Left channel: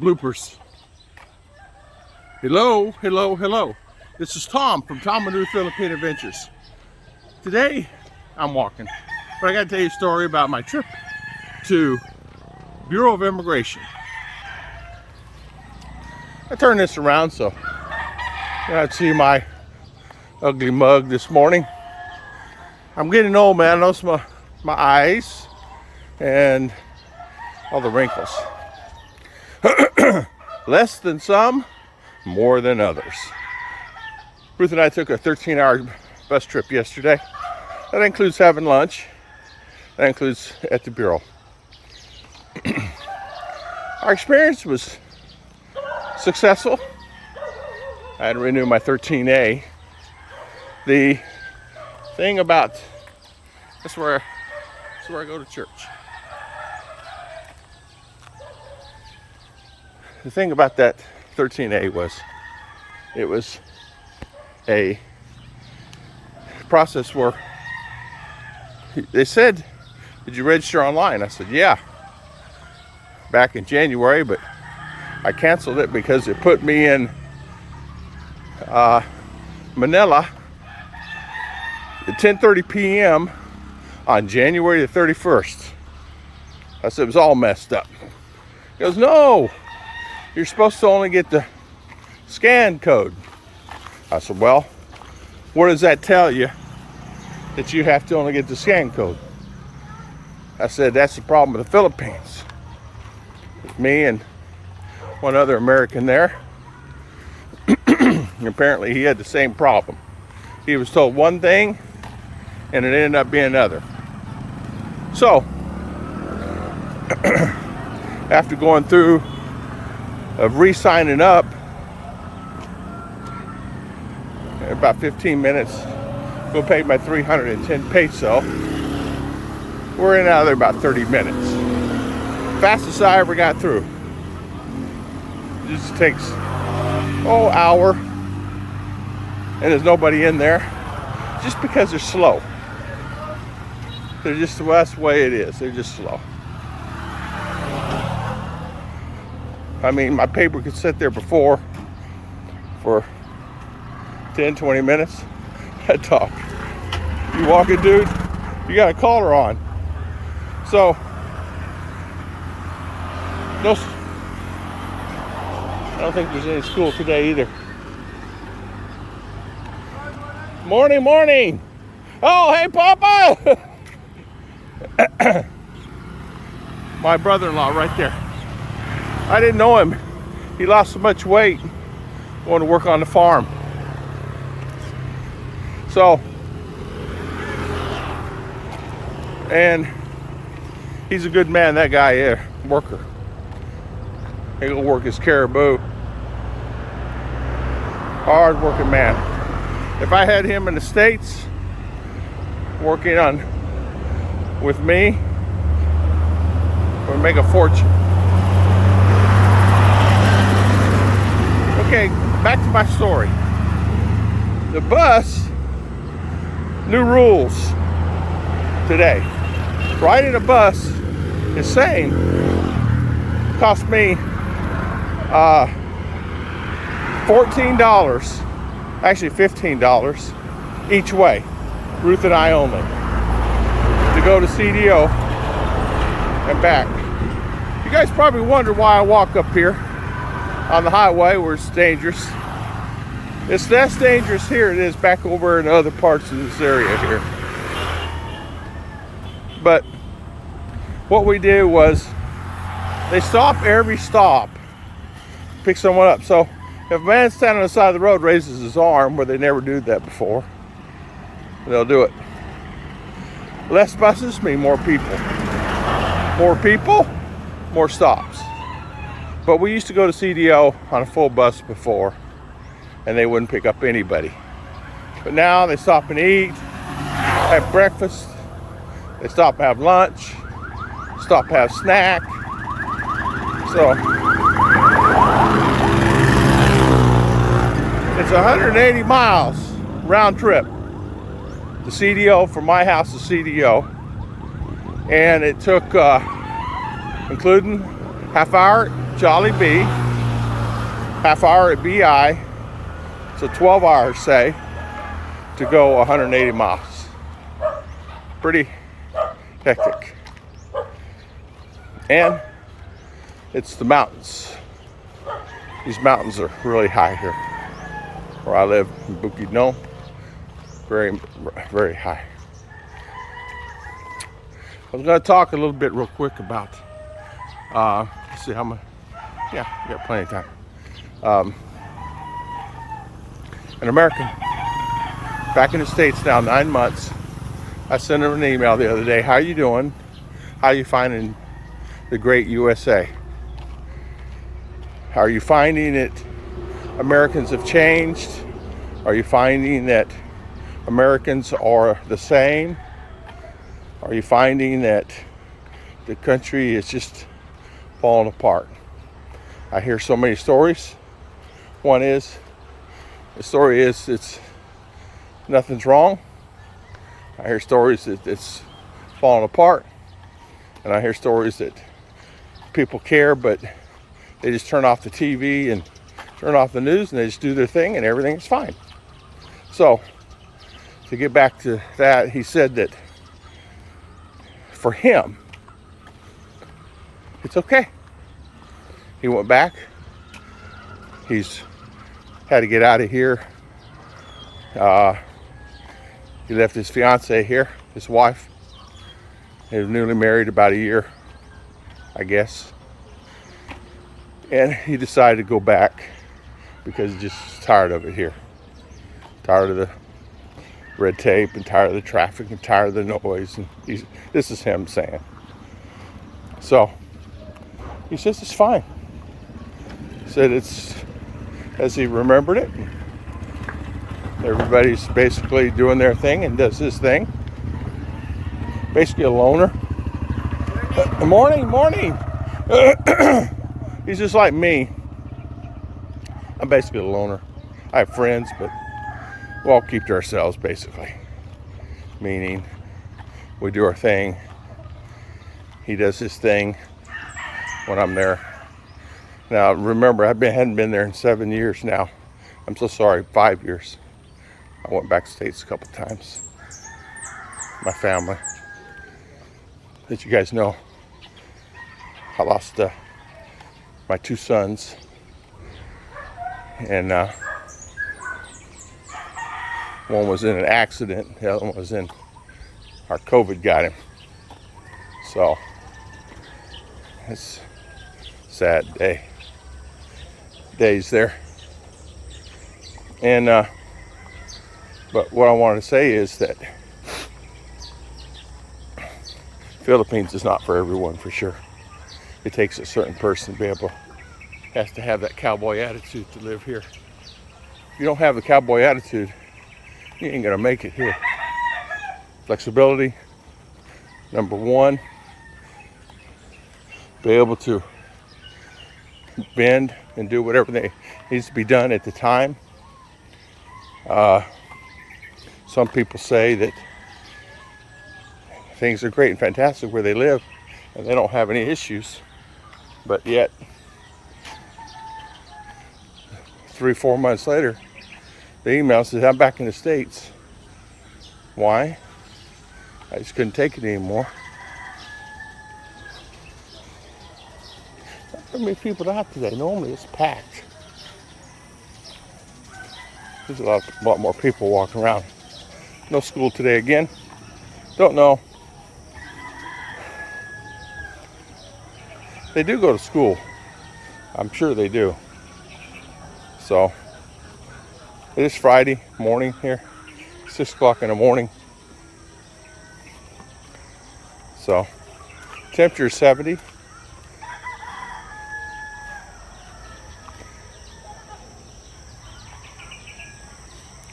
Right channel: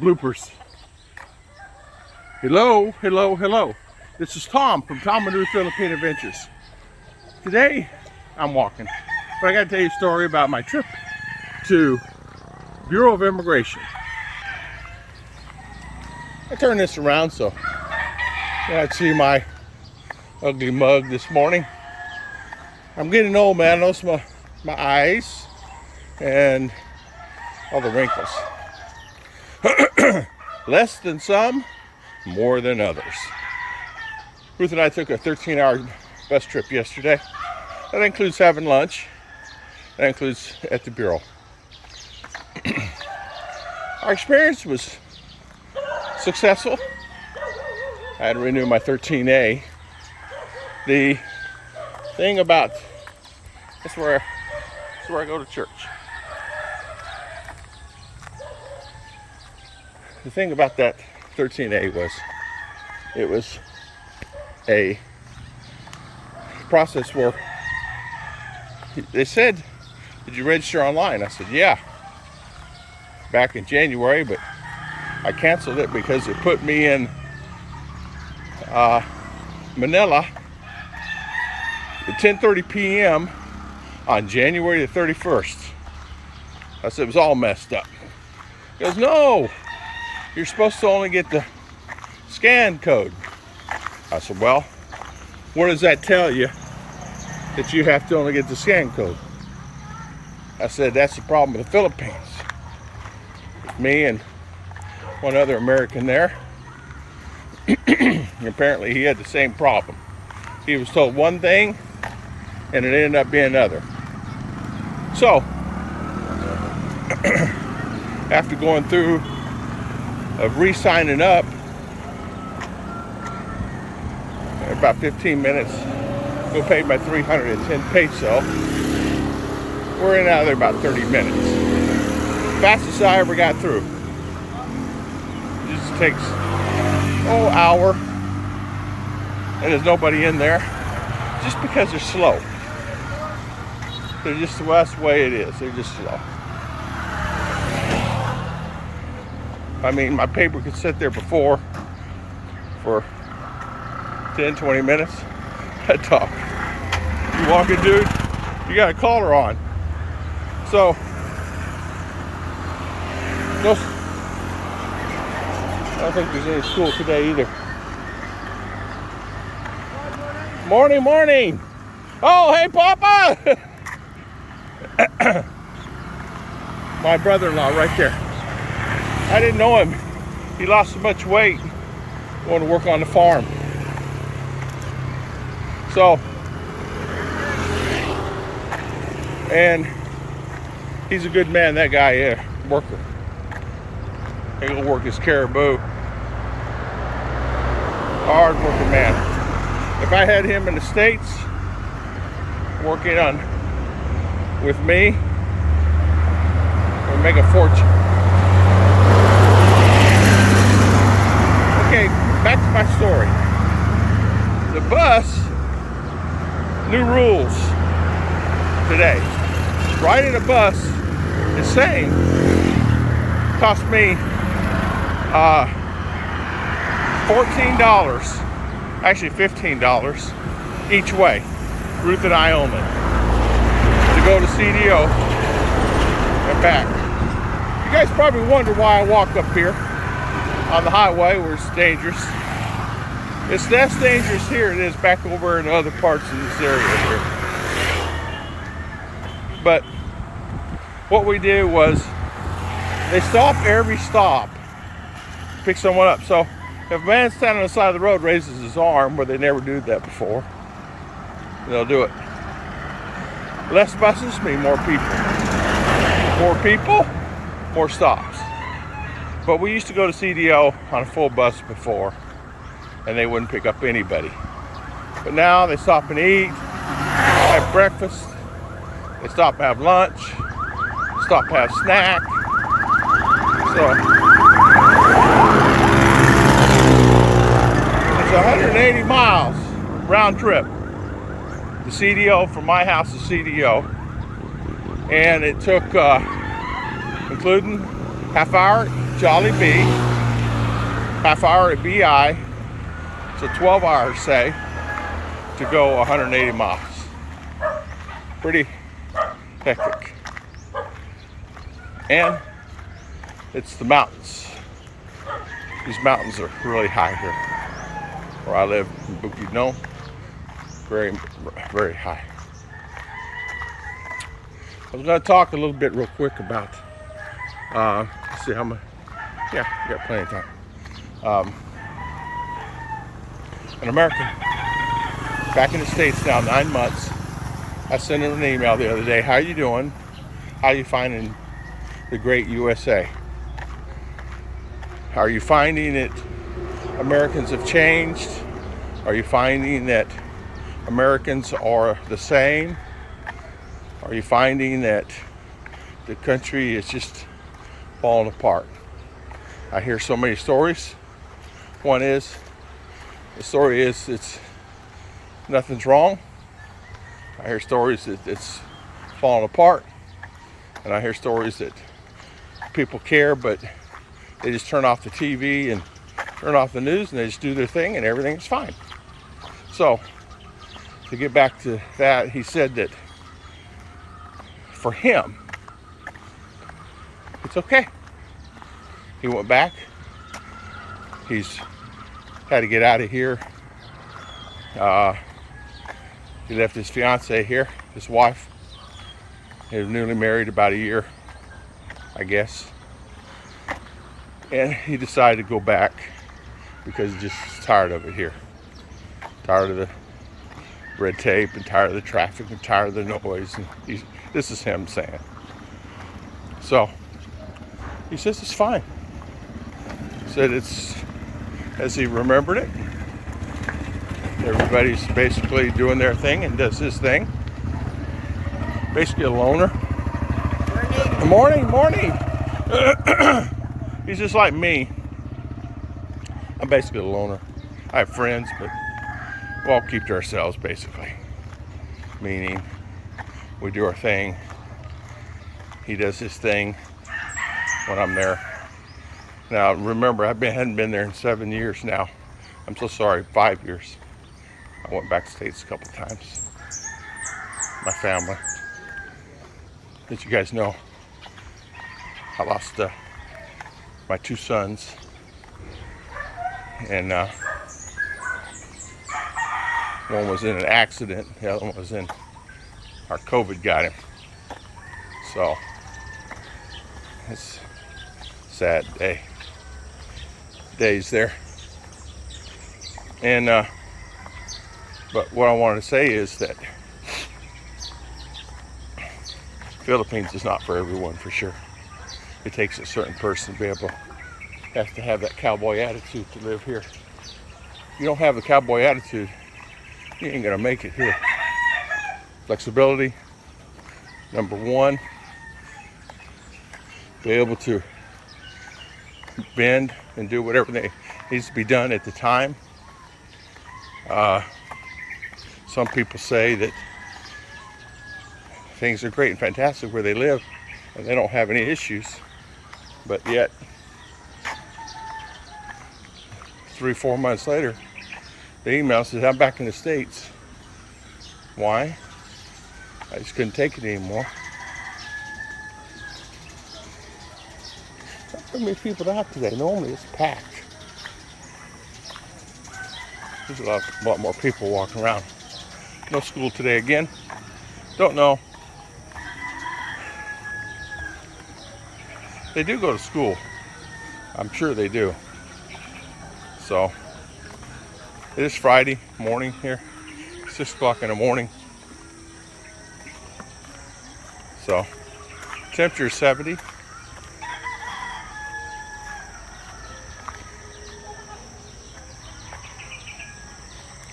Bloopers. Hello, hello, hello. This is Tom from Tom and Ruth Philippine Adventures. Today, I'm walking, but I got to tell you a story about my trip to Bureau of Immigration. I turned this around so I'd see my ugly mug this morning. I'm getting old, man. I notice my eyes and all the wrinkles. Less than some, more than others. Ruth and I took a 13-hour bus trip yesterday. That includes having lunch. That includes at the Bureau. Our experience was successful. I had to renew my 13A. The thing about, that's where I go to church. The thing about that 13A was, it was a process where they said, did you register online? I said, yeah, back in January, but I canceled it because it put me in Manila at 10:30 p.m. on January the 31st. I said, it was all messed up. He goes, no, you're supposed to only get the scan code. I said, well, what does that tell you that you have to only get the scan code? I said, that's the problem with the Philippines. With me and one other American there. Apparently he had the same problem. He was told one thing and it ended up being another. So, after going through of re-signing up, in about 15 minutes, we'll pay my 310 peso. We're in and out of there about 30 minutes. Fastest I ever got through. It just takes, hour, and there's nobody in there, just because they're slow. They're just, well, that's the way it is. They're just slow. I mean, my paper could sit there before for 10, 20 minutes. That talk. You walking, dude, you got a collar on. So, no, I don't think there's any school today either. Morning, morning. Oh, hey, Papa. My brother-in-law right there. I didn't know him. He lost so much weight. Wanted to work on the farm. So, and he's a good man, that guy, worker. He'll work his caribou. Hard working man. If I had him in the States working on with me, we'd make a fortune. Okay, back to my story. The bus, new rules today. Riding a bus the same cost me $14, actually $15 each way, Ruth and I only, to go to CDO and back. You guys probably wonder why I walk up here on the highway where it's dangerous. It's less dangerous here than it is back over in other parts of this area here. But what we did was, they stop every stop, pick someone up. So if a man standing on the side of the road raises his arm, where they never do that before, they'll do it. Less buses mean more people. More people, more stops. But we used to go to CDO on a full bus before, and they wouldn't pick up anybody. But now they stop and eat, have breakfast, they stop and have lunch, stop and have snack. So it's 180 miles round trip to CDO, from my house to CDO, and it took including half hour at Jollibee, half hour at BI, so 12 hours, say, to go 180 miles. Pretty hectic. And it's the mountains. These mountains are really high here. Where I live in Bukidnon, very, very high. I was going to talk a little bit real quick about, let's see how much, yeah, we got plenty of time. An American, back in the States now, 9 months. I sent him an email the other day. How you doing? How you finding the great USA? Are you finding that Americans have changed? Are you finding that Americans are the same? Are you finding that the country is just falling apart? I hear so many stories. The story is it's nothing's wrong. I hear stories that it's falling apart. And I hear stories that people care, but they just turn off the TV and turn off the news and they just do their thing and everything is fine. So, to get back to that, he said that for him, it's okay. He went back. He's had to get out of here. He left his fiance here, his wife. They were newly married about a year, I guess. And he decided to go back because he's just tired of it here. Tired of the red tape and tired of the traffic and tired of the noise. And this is him saying. So, he says it's fine. He said it's as he remembered it. Everybody's basically doing their thing and does his thing. Basically a loner. Morning. Morning. He's just like me. I'm basically a loner. I have friends, but we all keep to ourselves, basically. Meaning, we do our thing. He does his thing when I'm there. Now, remember, hadn't been there in 7 years now. I'm so sorry, 5 years. I went back to States a couple times. My family. As you guys know, I lost my 2 sons. And one was in an accident. The other one was in, our COVID got him. So, it's a sad days there. And, but what I wanted to say is that Philippines is not for everyone, for sure. It takes a certain person to be able, has to have that cowboy attitude to live here. If you don't have the cowboy attitude, you ain't gonna make it here. Flexibility, number one. Be able to bend and do whatever needs to be done at the time. Some people say that things are great and fantastic where they live and they don't have any issues, but yet 3-4 months later the email says, I'm back in the States. Why? I just couldn't take it anymore. Not very many people out today. Normally it's packed. There's a lot more people walking around. No school today again. Don't know. They do go to school. I'm sure they do. So, it is Friday morning here. 6 o'clock in the morning. So, temperature is 70.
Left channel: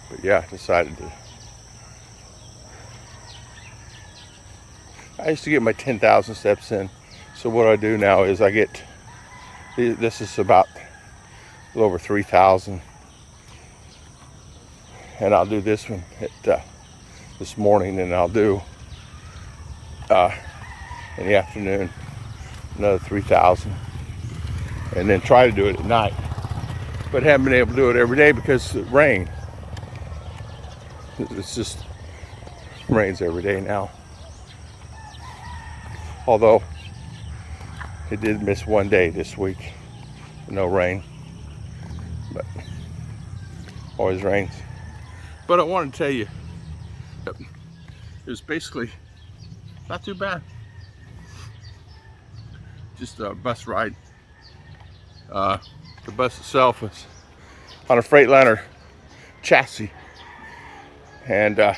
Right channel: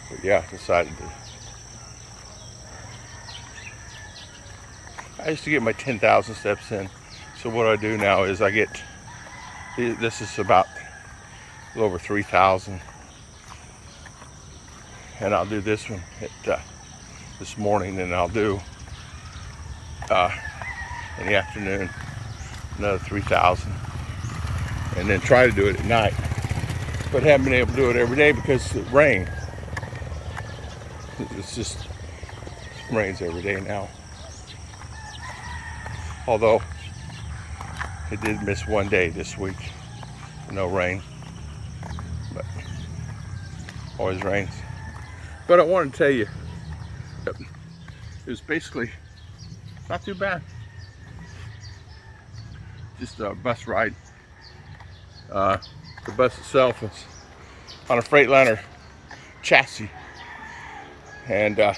But yeah, I decided to. I used to get my 10,000 steps in. So what I do now is I get, this is about a little over 3,000. And I'll do this one at, this morning, and I'll do in the afternoon another 3,000, and then try to do it at night. But haven't been able to do it every day because of the rain. It's just rains every day now. Although it did miss one day this week, no rain, but always rains. But I wanted to tell you, it was basically not too bad. Just a bus ride. The bus itself is on a Freightliner chassis, and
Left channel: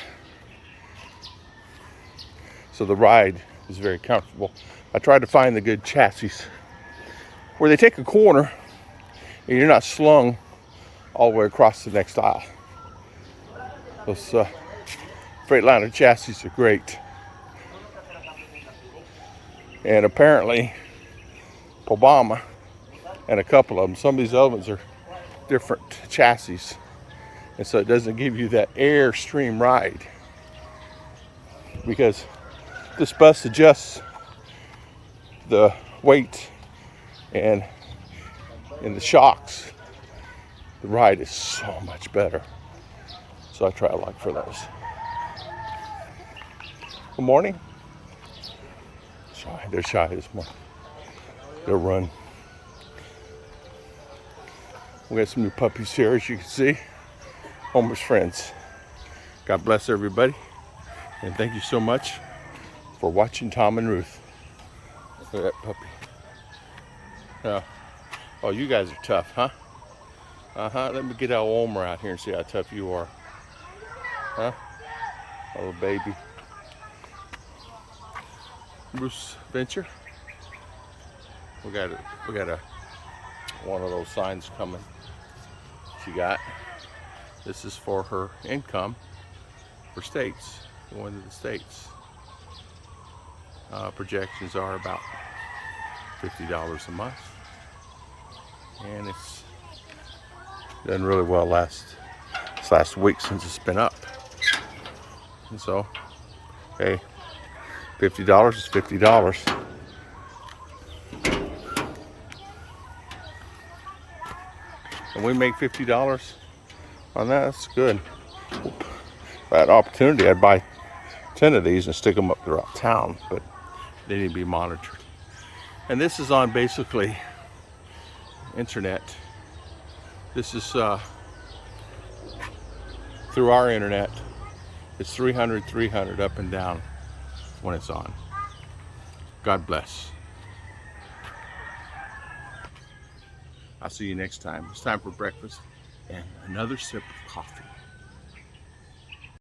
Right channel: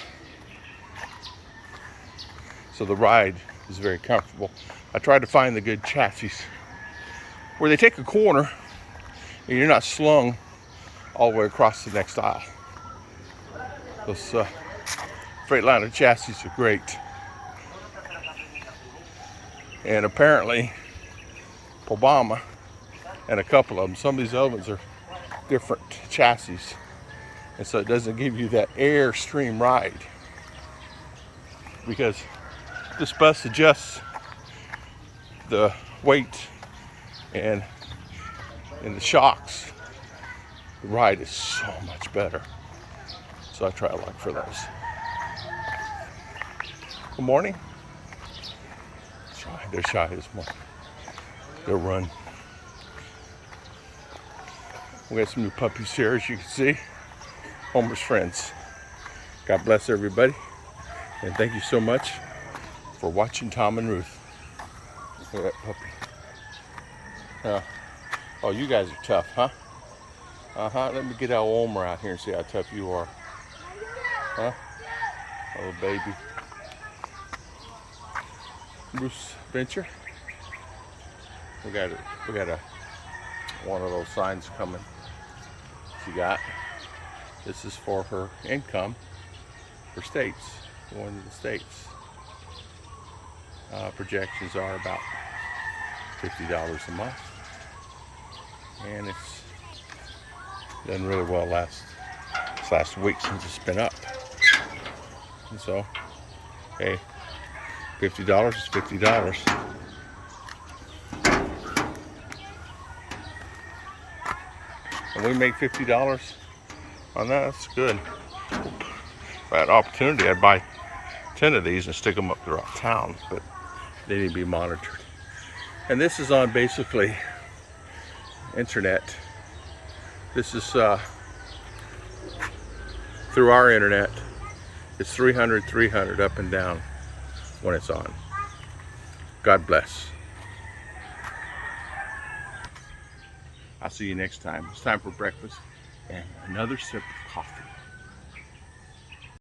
so the ride is very comfortable. I tried to find the good chassis where they take a corner and you're not slung all the way across the next aisle. Those Freightliner chassis are great. And apparently Obama and a couple of them, some of these other ones are different chassis, and so it doesn't give you that airstream ride, because this bus adjusts the weight and the shocks. The ride is so much better, so I try to look for those. Good morning. They're shy this morning. They'll run. We got some new puppies here, as you can see. Homeless friends. God bless everybody, and thank you so much for watching Tom and Ruth. Look at that puppy. Oh, you guys are tough, huh? Let me get our Omer out here and see how tough you are. Huh? Oh, baby. Bruce Venture. We got one of those signs coming. She got. This is for her income for states, going to the states. Projections are about $50 a month, and it's done really well last week since it's been up. And so, hey, $50 is $50. And we make $50 on that. That's good. If I had an opportunity, I'd buy 10 of these and stick them up throughout town, but they need to be monitored. And this is on basically internet. This is through our internet. It's 300 up and down when it's on. God bless. I'll see you next time. It's time for breakfast and another sip of coffee.